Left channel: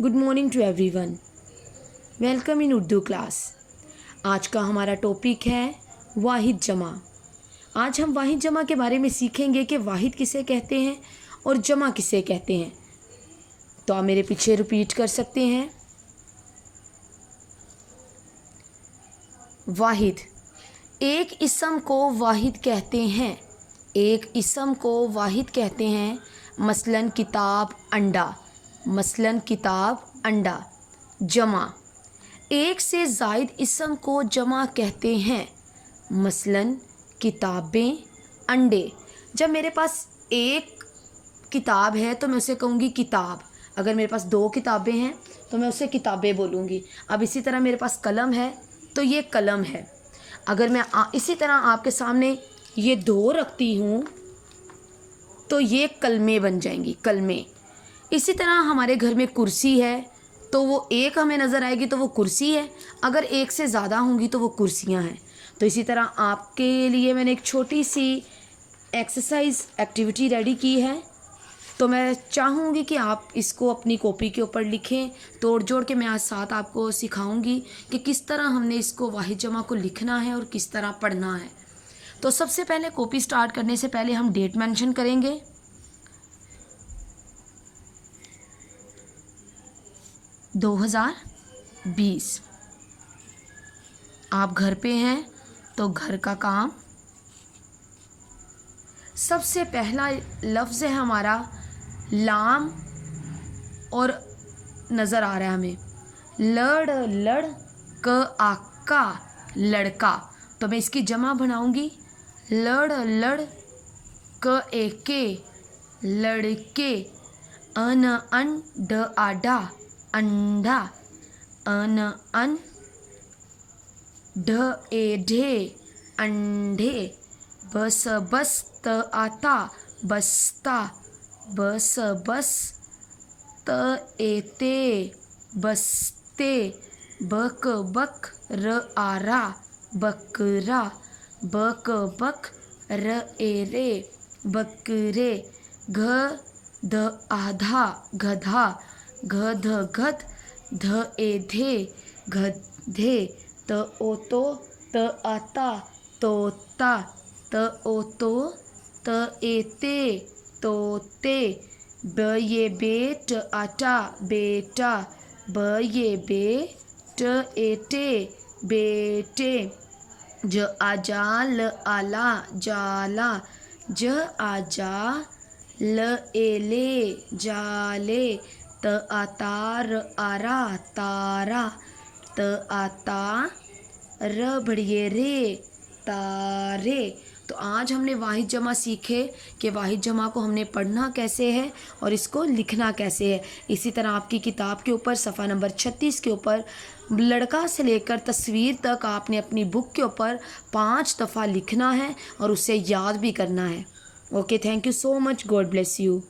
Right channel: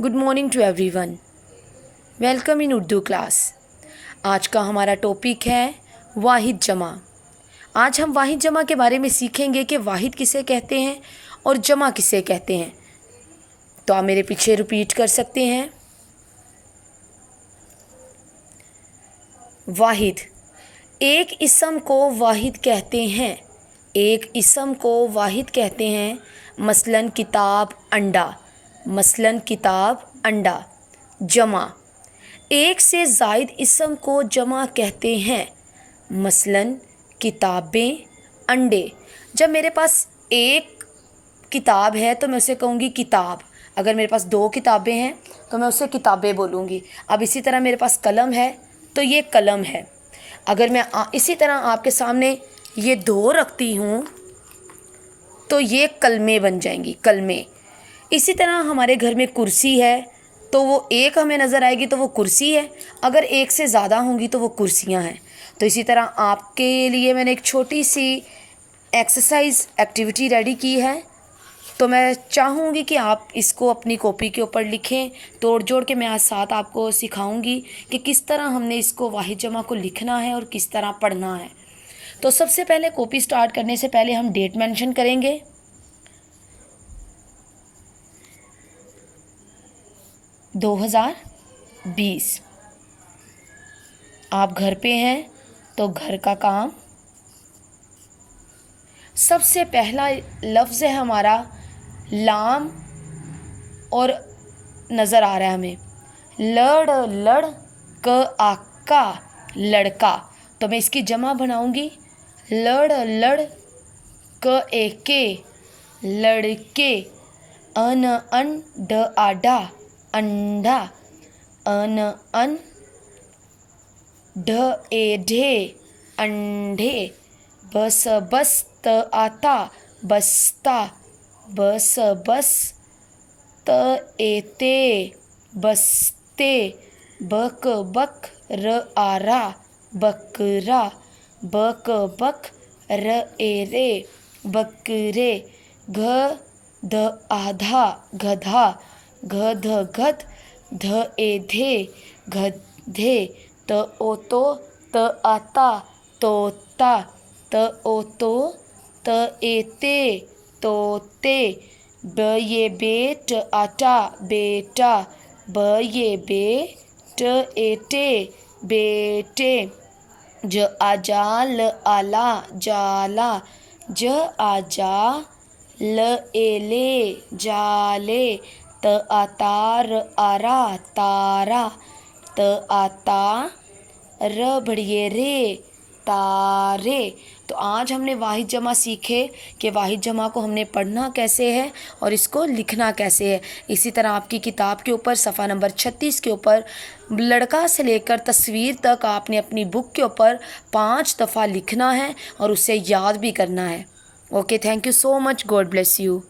Good morning to everyone. Welcome in Urdu class. आज का हमारा टॉपिक है वाहिद जमा। आज हम वाहिद जमा के बारे में सीखेंगे कि वाहिद किसे कहते हैं और जमा किसे कहते हैं। तो आप मेरे पीछे रिपीट कर सकते हैं। वाहिद, एक इसम को वाहिद कहते हैं। एक इसम को वाहिद कहते हैं। मसलन किताब, अंडा। मसलन किताब, अंडा। जमा, एक से ज़ायद इसम को जमा कहते हैं। मसलन किताबें, अंडे। जब मेरे पास एक किताब है तो मैं उसे कहूँगी किताब। अगर मेरे पास दो किताबें हैं तो मैं उसे किताबें बोलूँगी। अब इसी तरह मेरे पास कलम है तो ये कलम है। अगर मैं इसी तरह आपके सामने ये दो रखती हूँ तो ये कलमे बन जाएंगी, कलमे। इसी तरह हमारे घर में कुर्सी है तो वो एक हमें नज़र आएगी तो वो कुर्सी है। अगर एक से ज़्यादा होंगी तो वो कुर्सियाँ हैं। तो इसी तरह आपके लिए मैंने एक छोटी सी एक्सरसाइज एक्टिविटी रेडी की है। तो मैं चाहूँगी कि आप इसको अपनी कॉपी के ऊपर लिखें। तोड़ जोड़ के मैं आज साथ आपको सिखाऊंगी कि किस तरह हमने इसको वाहिद जमा को लिखना है और किस तरह पढ़ना है। तो सबसे पहले कॉपी स्टार्ट करने से पहले हम डेट मेंशन करेंगे। दो 2020। आप घर पे हैं तो घर का काम। सबसे पहला लफ्ज़ है हमारा लाम और नज़र आ रहा है हमें लड़, लड़ क आका, लड़का। तो मैं इसकी जमा बनाऊंगी लड़, लड़ क एके, लड़के। अन अन ड आडा, अंडा। अन अन ढ ए ढे, अंडे। बस बस त आता, बस्ता। बस बस त एते, बस्ते। बक बक र आरा, बकरा। बक बक र ए रे, बकरे। घ ध आधा, गधा। घ ध घध, ध ए धे, गधे। त ओ तो, त आता, तोता। त ओ तो, त एते, तोते। ब ये बेट आटा, बेटा। ब ये बेट एटे, बेटे। ज आजा ल आला, जाला। ज आजा ल एले, जाले। त आतार आरा, तारा। त आता र बढ़िए रे, तारे। तो आज हमने वाहिद जमा सीखे कि वाहिद जमा को हमने पढ़ना कैसे है और इसको लिखना कैसे है। इसी तरह आपकी किताब के ऊपर सफ़ा नंबर 36 के ऊपर लड़का से लेकर तस्वीर तक आपने अपनी बुक के ऊपर 5 दफ़ा लिखना है और उसे याद भी करना है। Okay, thank you so much. God bless you.